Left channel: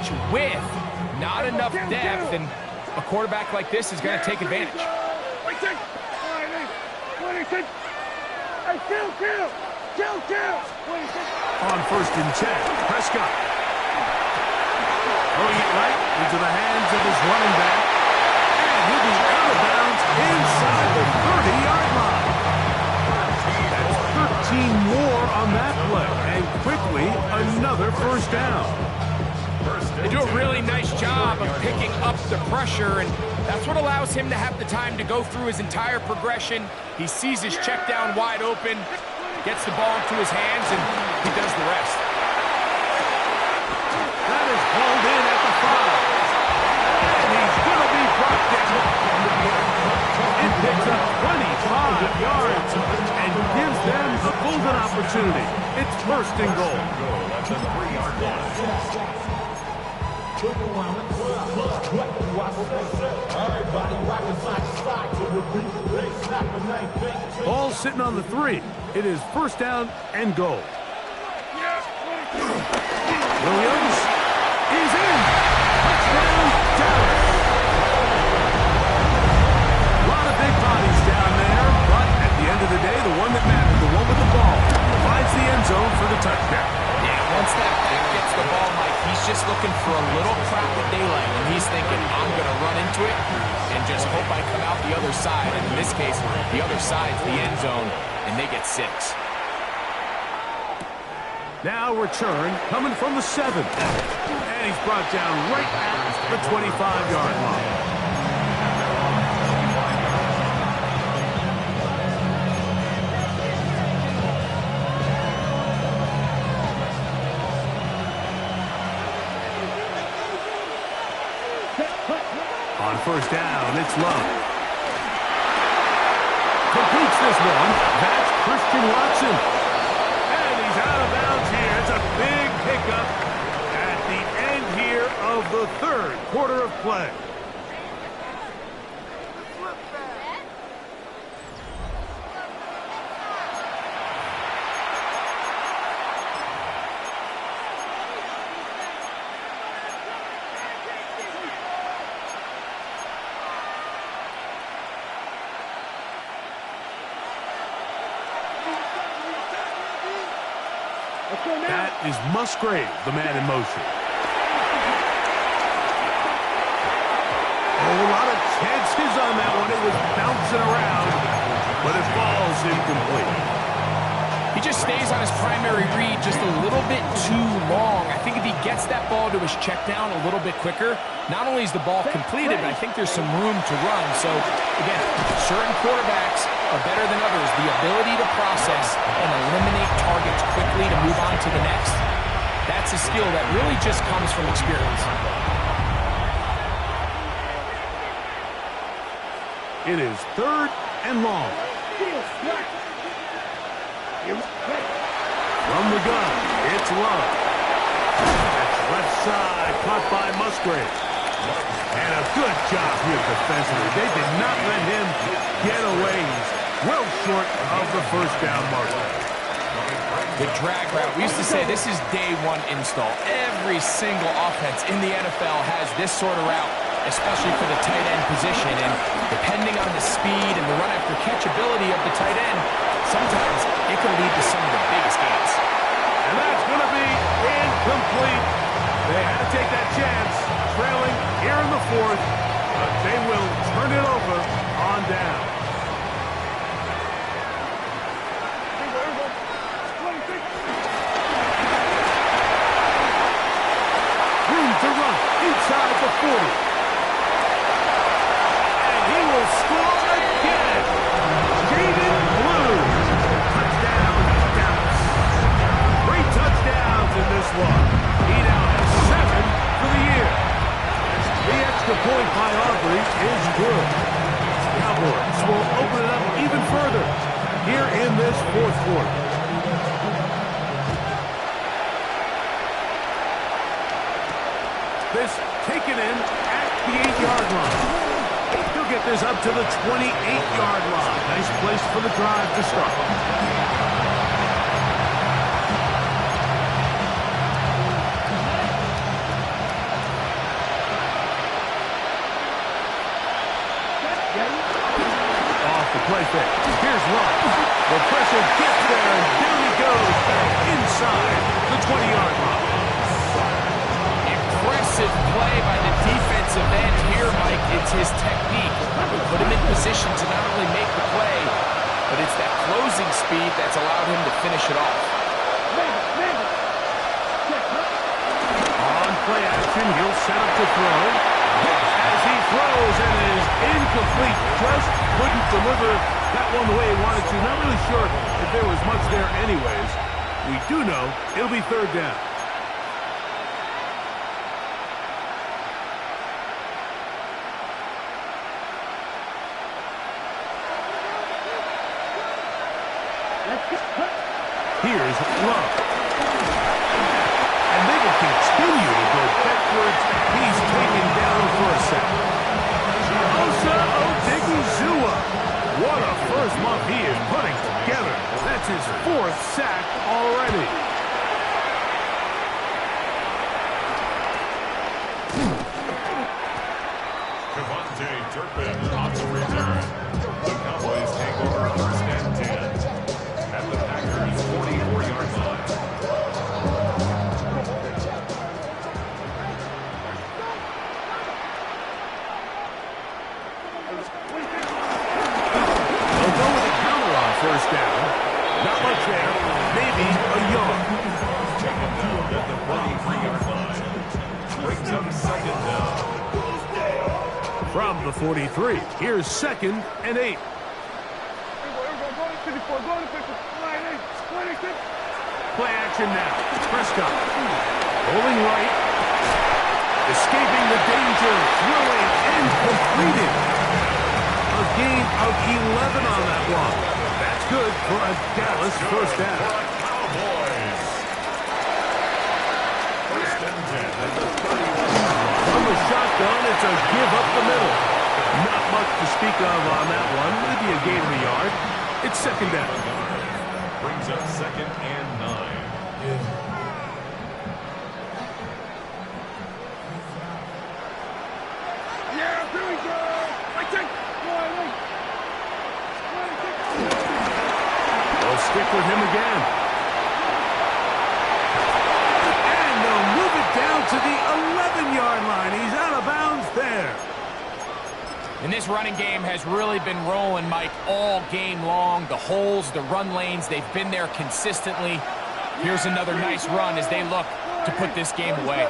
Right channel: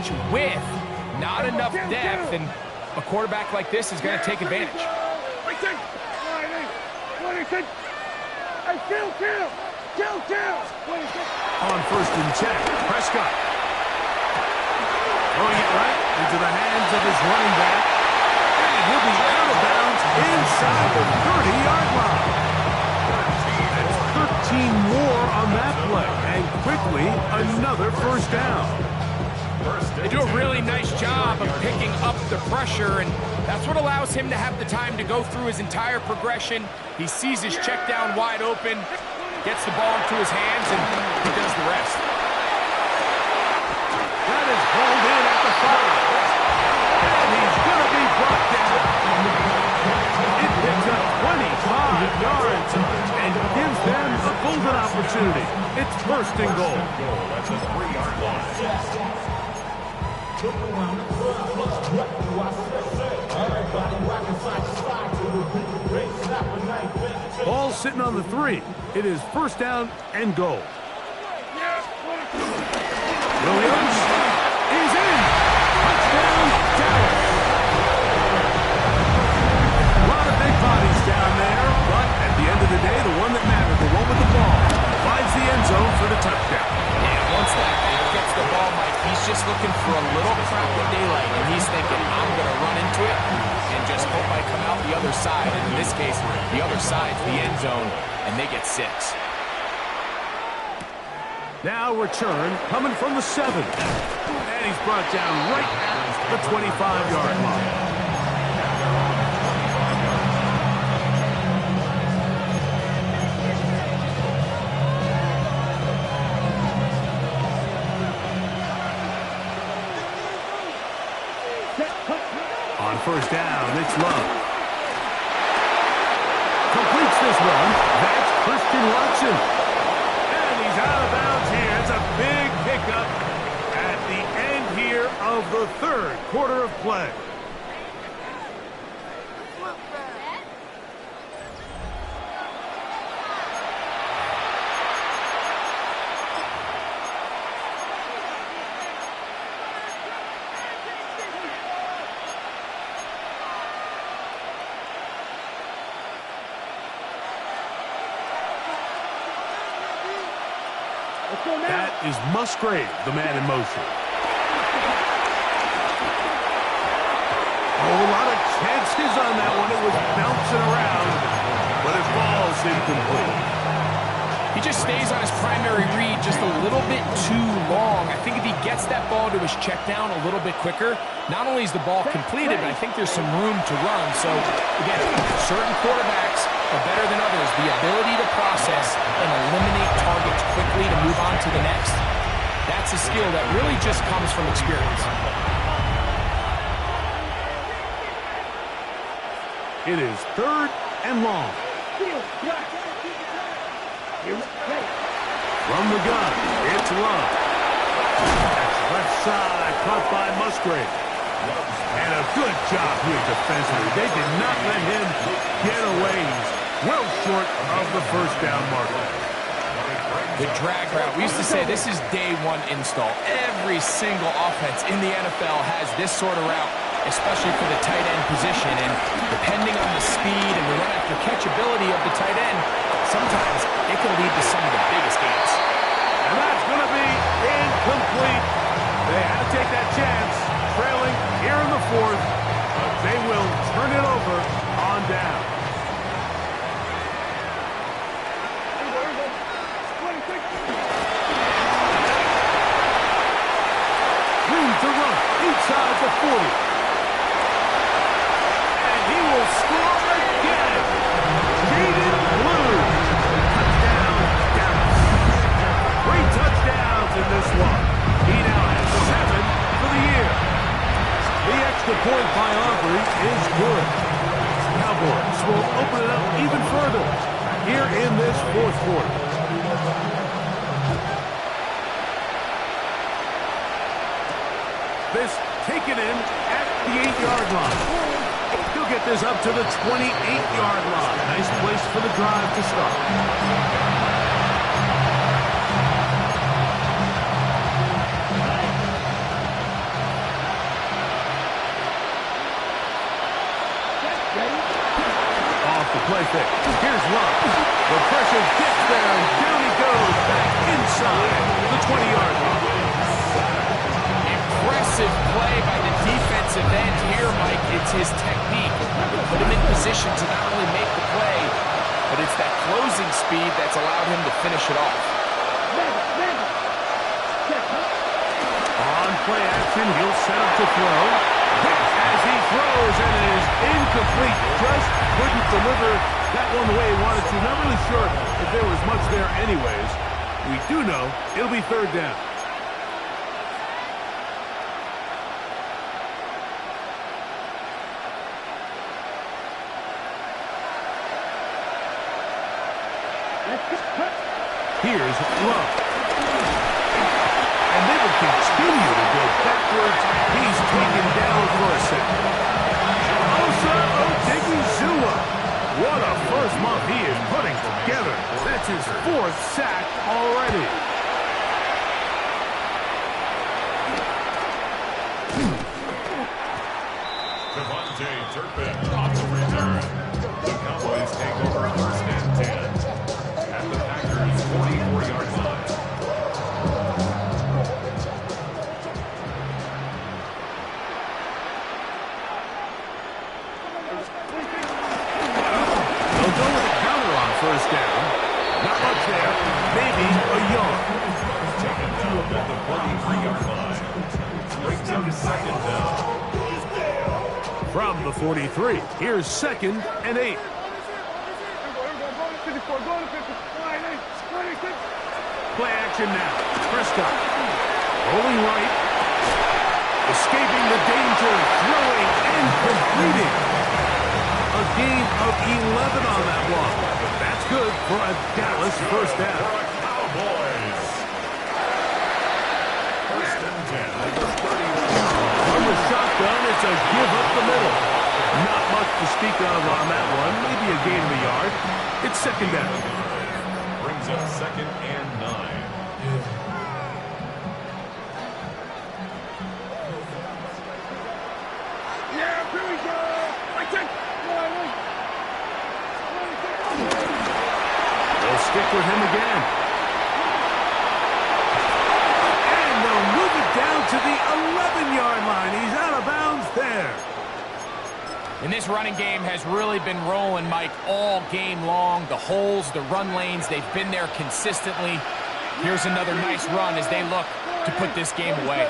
much width, not enough depth, and a quarterback like this is going to take advantage. On 1st and 10, Prescott. Throwing it right into the hands of his running back. And he'll be out of bounds inside the 30-yard line. That's 13 more on that play. And quickly, another first down. They do a really nice job of picking up the pressure, and that's what allows him to have the time to go through his entire progression. He sees his check down wide open, gets the ball into his hands, and he does the rest. That is hauled in at the 5. And he's going to be brought down. It picks up 25 yards and gives them a golden opportunity. It's 1st and goal. At the 3-yard line. Look around the club, what do I say? Everybody rockin' side to side to the beat. They snapping, ain't fake. Ball sitting on the 3. It is 1st down and goal. Williams is in. Touchdown, Dallas. A lot of big bodies down there, but at the end of the day, the one that mattered, the one with the ball, finds the end zone for the touchdown. Yeah, once that back gets the ball, Mike, he's just looking for a little crack of daylight, and he's thinking, I'm going to run into it and just hope I come out the other side. And in this case, the other side's the end zone, and they get 6. Now return coming from the 7. And he's brought down right at the 25-yard line. On 1st down, it's Love. Completes this one. That's Christian Watson. And he's out of bounds here. It's a big pickup at the end here of the 3rd quarter of play. That is Musgrave, the man in motion. Oh, a lot of chances on that one. It was bouncing around, but it falls incomplete. He just stays on his primary read just a little bit too long. I think if he gets that ball to his check down a little bit quicker, not only is the ball completed, but I think there's some room to run. So, again, certain quarterbacks are better than others. The ability to process and eliminate targets quickly to move on to the next, that's a skill that really just comes from experience. It is 3rd and long. From the gun, it's Love. That's left side, caught by Musgrave. And a good job here defensively. They did not let him get away. He's well short of the 1st down marker. The drag route, we used to say this is day 1 install. Every single offense in the NFL has this sort of route, especially for the tight end position. And depending on the speed and the run after catch ability of the tight end, sometimes it can lead to some of the biggest gains. And that's going to be incomplete. They had to take that chance, trailing here in the 4th, but they will turn it over on down. Room to run inside the 40. And he will score again. Jaden Blue. Touchdown, Dallas. 3 touchdowns in this one. He now has 7 for the year. The extra point by Aubrey is good. Cowboys will open it up even further here in this 4th quarter. This taken in at the 8-yard line. He'll get this up to the 28-yard line. Nice place for the drive to start. the play fake. Here's Love. The pressure gets there, and down he goes back inside the 20-yard line. Impressive play by the defensive end here, Mike. It's his technique. It put him in position to not only make the play, but it's that closing speed that's allowed him to finish it off. On play action, he'll set up to throw. As he throws, and it is incomplete. Just couldn't deliver that one the way he wanted to. Not really sure if there was much there anyways. We do know it'll be third down. Here's Love. And they will continue to go backwards. He's taken down for a second. Osa Odighizuwa. What a first month he is putting together. That's his 4th sack already. Devontae Turpin on the return. The Cowboys take over 1st and 10 at the Packers' 44-yard line. They'll go with a counter on 1st down. Not much there. Maybe a yard. Taken down at the 43-yard line. Brings up 2nd down. From the 43, here's 2nd and 8. Play action now. Prescott rolling right, escaping the danger, throwing and completing. A gain of 11 on that one. That's good for a Dallas 1st down. For a Cowboys. 1st and 10 at the 31. From the shotgun, it's a give up the middle. Not much to speak of on that one. Maybe a gain of a yard. It's 2nd down. Brings up 2nd and 9. Yeah, here we go. They'll stick with him again. And they'll move it down to the 11-yard line. He's out of bounds there. And this running game has really been rolling, Mike, all game long. The holes, the run lanes, they've been there consistently. Here's another nice run as they look to put this game away.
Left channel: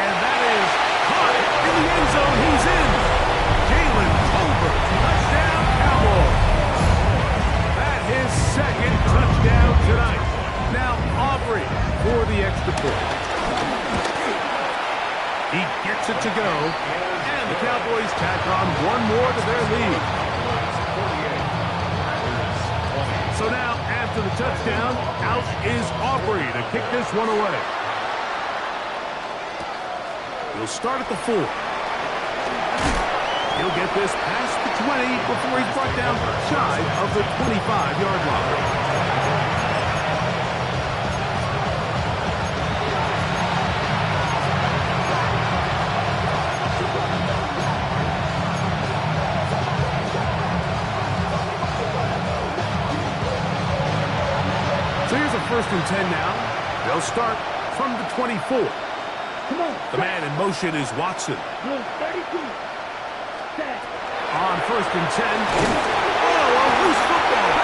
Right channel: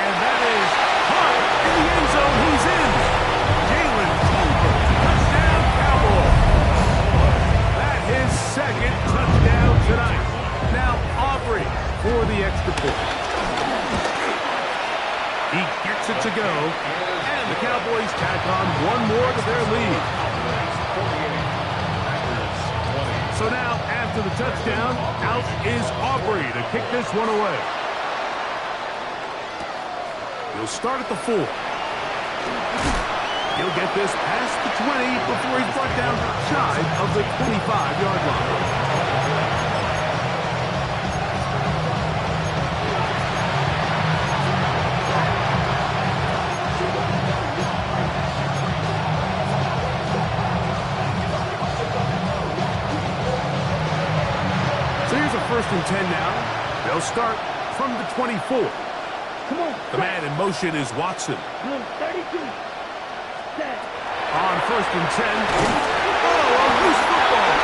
And that is caught in the end zone. He's in. Jalen Tolbert, touchdown Cowboys. That is 2nd touchdown tonight. Now Aubrey for the extra point. He gets it to go, and the Cowboys tack on one more to their lead. So now, after the touchdown, out is Aubrey to kick this one away. He'll start at the 4. He'll get this past the 20 before he's brought down shy of the 25-yard line. So here's a 1st and 10 now. They'll start from the 24. Come on. The man in motion is Watson. 32. Set. On 1st and 10. Oh, a loose football.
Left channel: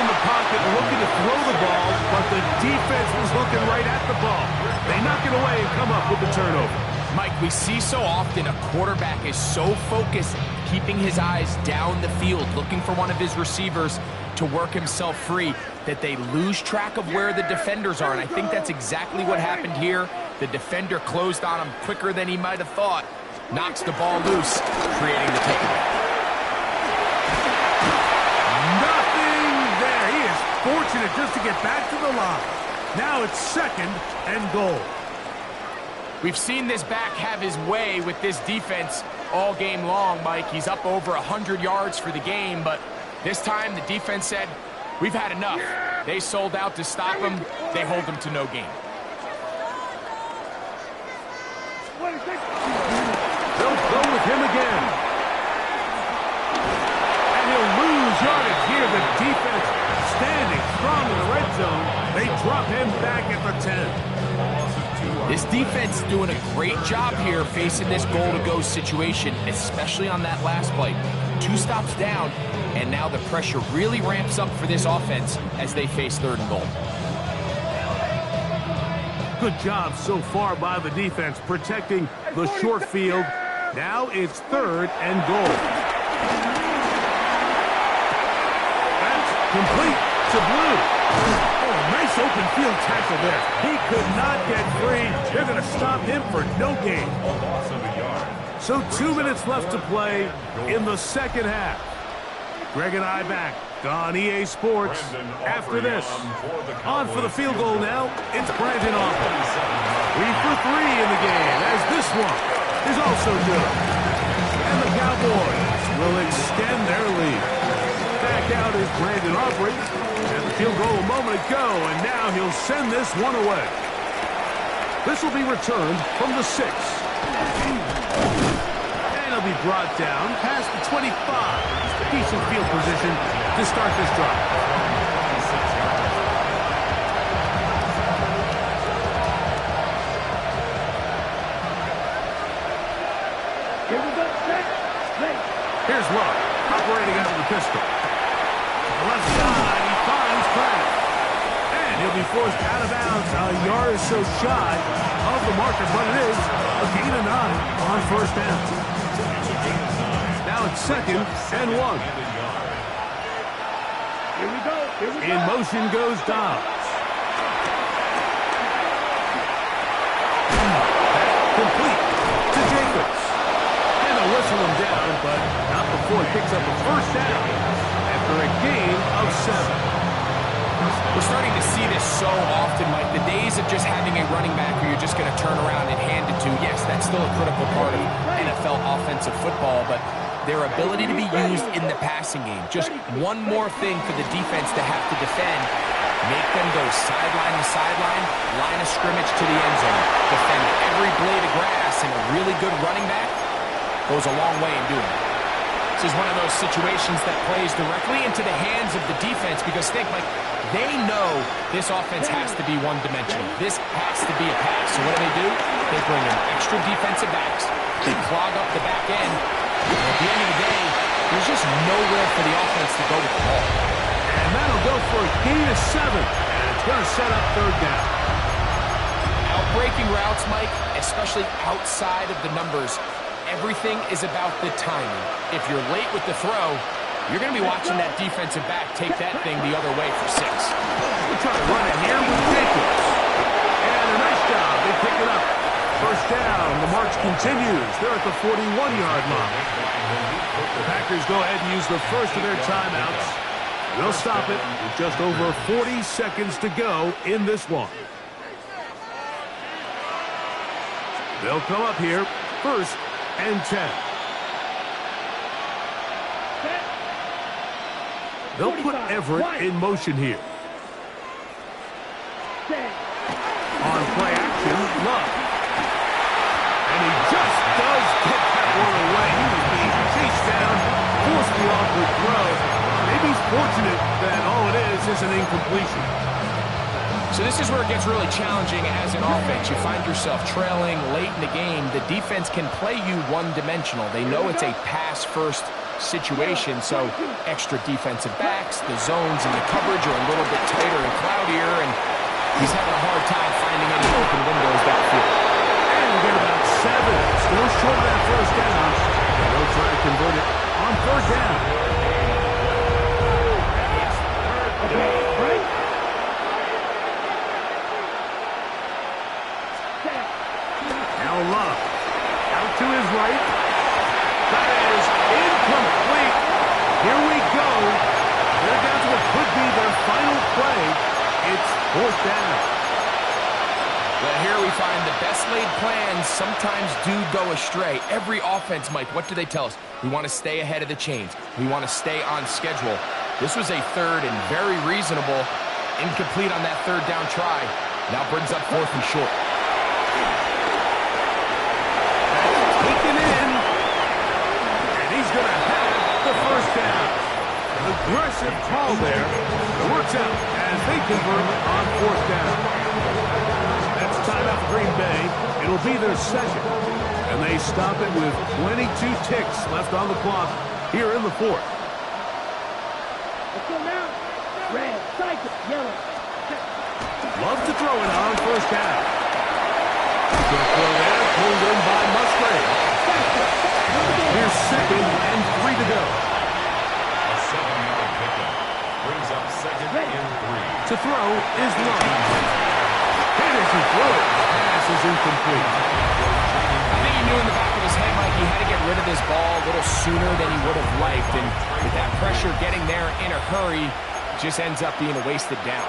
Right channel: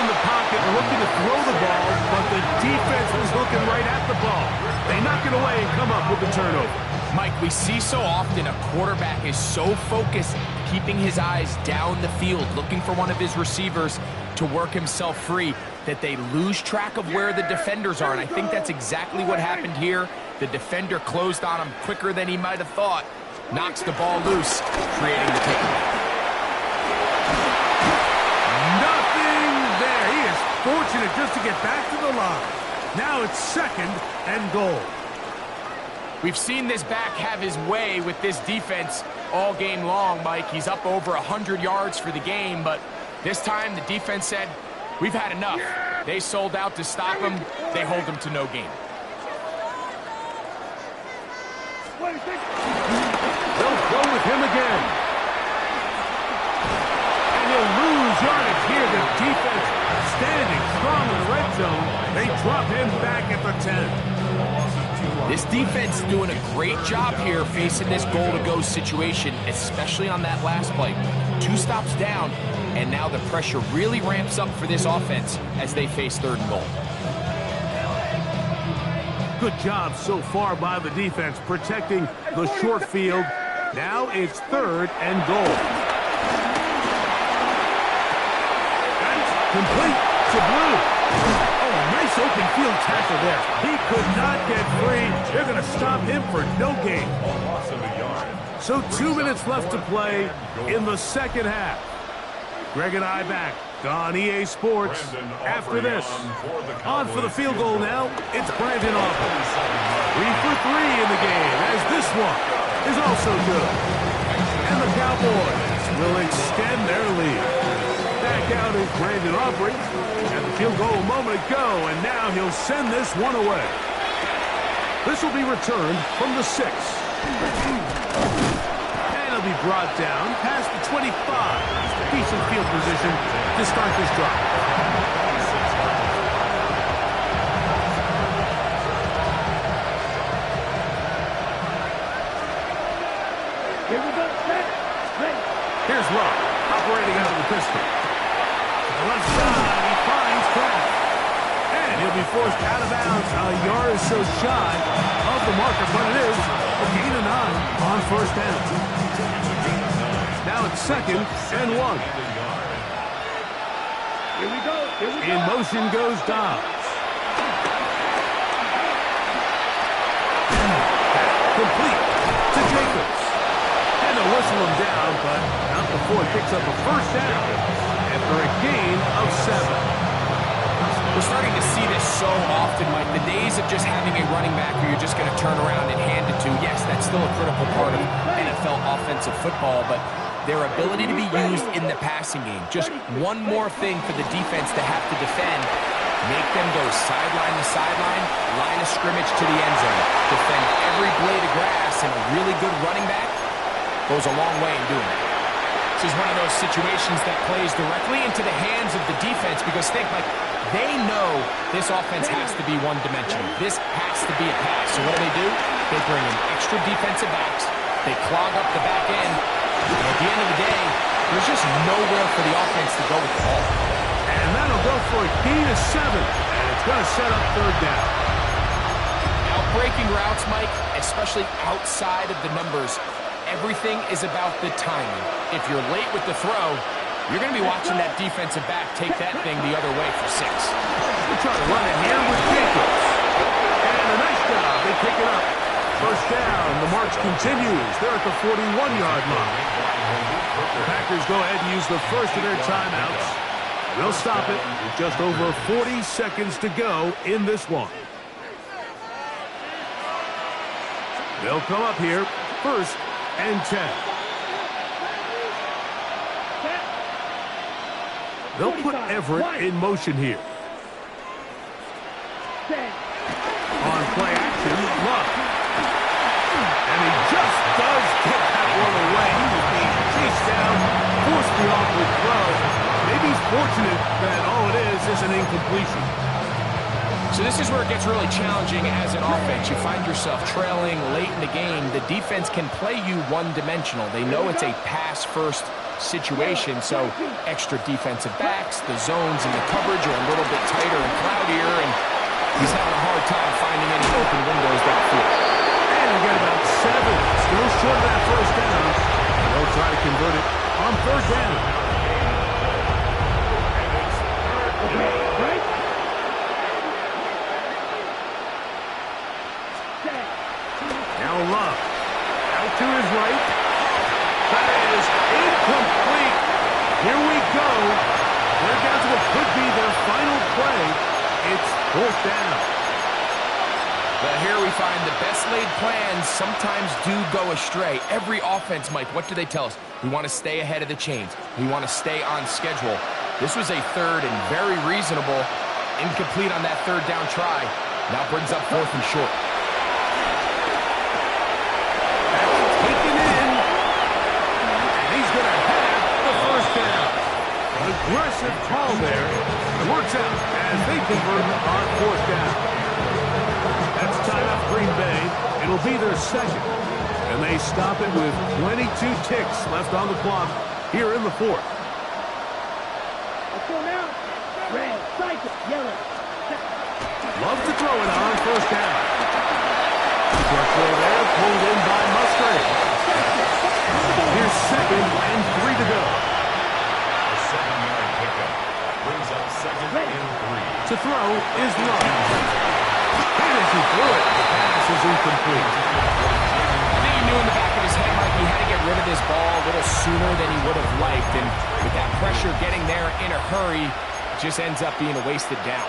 In the pocket, looking to throw the ball, but the defense was looking right at the ball. They knock it away and come up with the turnover. Mike, we see so often a quarterback is so focused, keeping his eyes down the field, looking for one of his receivers to work himself free, that they lose track of where the defenders are. And I think that's exactly what happened here. The defender closed on him quicker than he might have thought. Knocks the ball loose, creating the takeaway. Nothing there. He is fortunate just to get back to the line. Now it's 2nd and goal. We've seen this back have his way with this defense all game long, Mike. He's up over 100 yards for the game, but this time the defense said, we've had enough. They sold out to stop him. They hold him to no gain. They'll go with him again. And he'll lose yardage here. The defense standing strong in the red zone. They drop him back at the 10. This defense doing a great job here facing this goal-to-go situation, especially on that last play. 2 stops down, and now the pressure really ramps up for this offense as they face 3rd and goal. Good job so far by the defense protecting the short field. Now it's 3rd and goal. That's complete to Blue. Oh, nice open field tackle there. He could not get free. They're going to stop him for no gain. A loss of a yard. So 2 minutes left to play in the second half. Greg and I back on EA Sports after this. On for the field goal now, it's Brandon Aubrey. 3 for 3 in the game, as this one is also good. And the Cowboys will extend their lead. Back out is Brandon Aubrey. Had the field goal a moment ago, and now he'll send this one away. This will be returned from the 6. And he'll be brought down past the 25. Decent field position to start this drive. Here we go. Set. Here's Love, operating out of the pistol. To the left side, he finds Kraft. And he'll be forced out of bounds, a yard or so shy of the marker, but it is a gain of 9 on first down. Now it's 2nd and 1. Here we go. In motion goes Dobbs. Complete to Jacobs. And they'll whistle him down, but not before he picks up a first down after a gain of 7. We're starting to see this so often, Mike. The days of just having a running back who you're just going to turn around and hand it to, yes, that's still a critical part of NFL offensive football, but their ability to be used in the passing game. Just one more thing for the defense to have to defend. Make them go sideline to sideline, line of scrimmage to the end zone. Defend every blade of grass, and a really good running back goes a long way in doing that. This is one of those situations that plays directly into the hands of the defense because think, like, they know this offense has to be one-dimensional. This has to be a pass. So what do? They bring in extra defensive backs. They clog up the back end. And at the end of the day, there's just nowhere for the offense to go with the ball. And that'll go for a gain of 7. And it's going to set up 3rd down. Outbreaking routes, Mike, especially outside of the numbers, everything is about the timing. If you're late with the throw, you're going to be watching that defensive back take that thing the other way for 6. We'll try to run it here with Jacobs. And a nice job. They pick it up. First down. The march continues. They're at the 41-yard line. The Packers go ahead and use the first of their timeouts. They'll stop it with just over 40 seconds to go in this one. They'll come up here. 1st and 10. They'll put Everett in motion here. On play action, Love. And he just does get that one away. He was being chased down, forced the awkward throw. Maybe he's fortunate that all it is an incompletion. So this is where it gets really challenging as an offense. You find yourself trailing late in the game. The defense can play you one-dimensional. They know it's a pass-first situation, so extra defensive backs, the zones and the coverage are a little bit tighter and cloudier, and he's having a hard time finding any open windows downfield. And we get about 7. Still short of that first down. And they'll try to convert it on 3rd down. Right? Now Love. Out to his right. That is incomplete. Here we go. They're down to what could be their final play. It's 4th down. But here we find the best laid plans sometimes do go astray. Every offense, Mike, what do they tell us? We want to stay ahead of the chains. We want to stay on schedule. This was a 3rd and very reasonable. Incomplete on that 3rd down try. Now brings up 4th and short. Aggressive call there. It works out as they convert on 4th down. That's timeout for Green Bay. It'll be their second. And they stop it with 22 ticks left on the clock here in the 4th. Let's go now. Red, cycle, yellow. Love to throw it on 1st down. Short throw there, pulled in by Musgrave. Here's 2nd and 3 to go. A 7-yard pickup brings up 2nd and 3. To throw is Love. Hit as he threw it. The pass is incomplete. I think he knew in the back of his head, Mike, he had to get rid of this ball a little sooner than he would have liked. And with that pressure getting there in a hurry, it just ends up being a wasted down.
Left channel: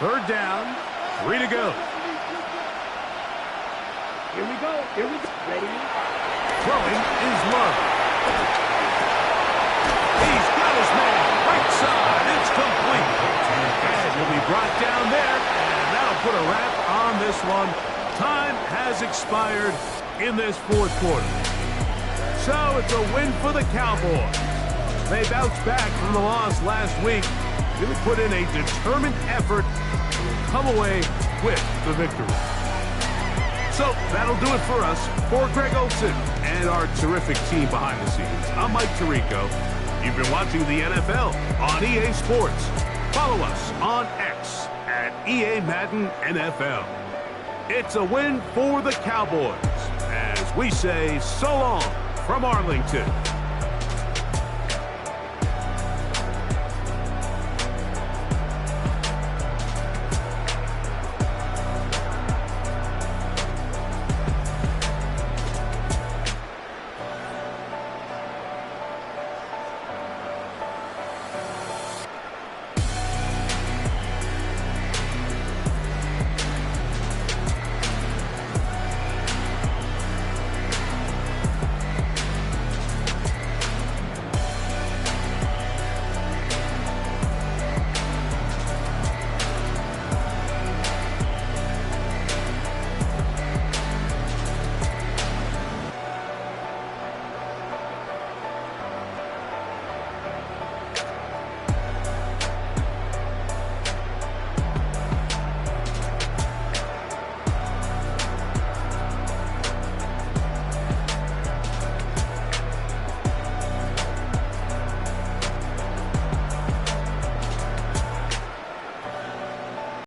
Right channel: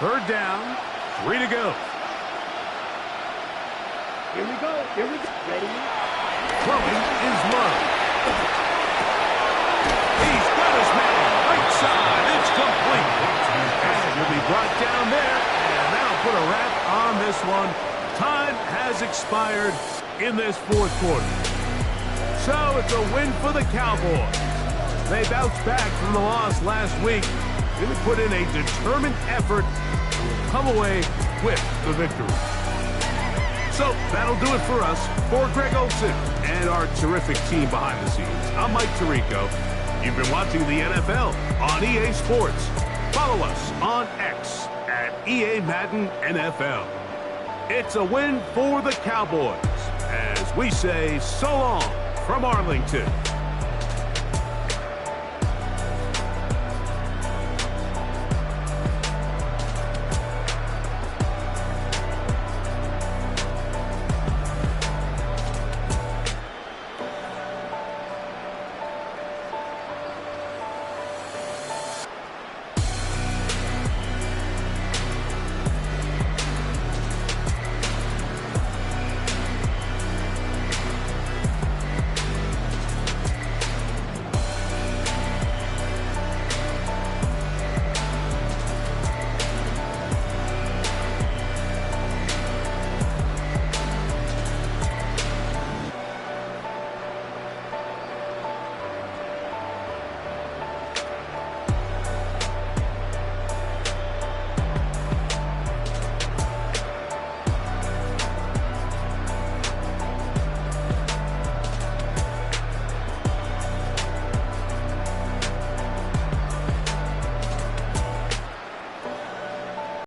Third down, 3 to go. Here we go. Here we go. Ready? Throwing is Love. He's got his man. Right side. It's complete. And he'll be brought down there. And that'll put a wrap on this one. Time has expired in this 4th quarter. So it's a win for the Cowboys. They bounced back from the loss last week. Really put in a determined effort and will come away with the victory. So that'll do it for us. For Greg Olsen and our terrific team behind the scenes, I'm Mike Tirico. You've been watching the NFL on EA Sports. Follow us on X at EA Madden NFL. It's a win for the Cowboys as we say so long from Arlington.